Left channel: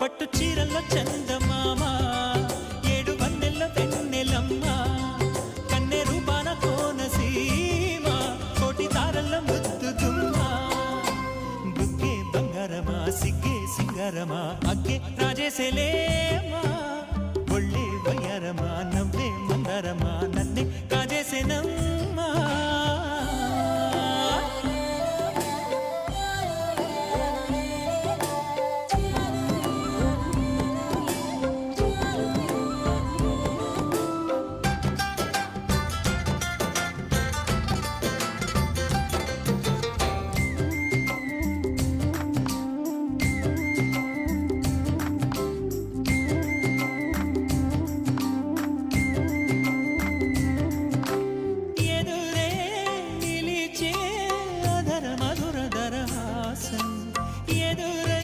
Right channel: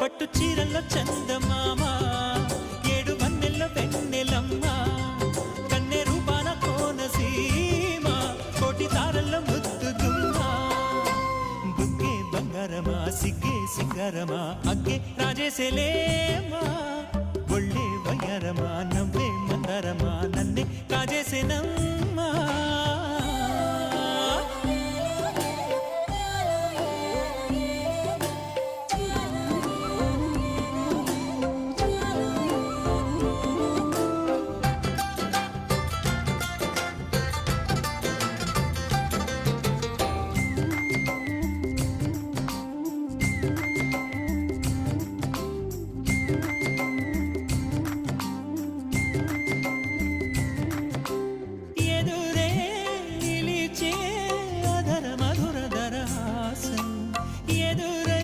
పట్టు చీరల్లో చందమామ ఏడు వన్నెల్లో వెన్నెలమ్మ కన్నె రూపాన కోనసీమ కోటి తారల్లో ముద్దు గుమ్మ బుగ్గే బంగారమా సిగ్గే సింగారమా అగ్గే రాజేసేలేమా ఒళ్ళే వయ్యారమా నవ్వే మందారమా నన్నే కాజేసేనమ్మా.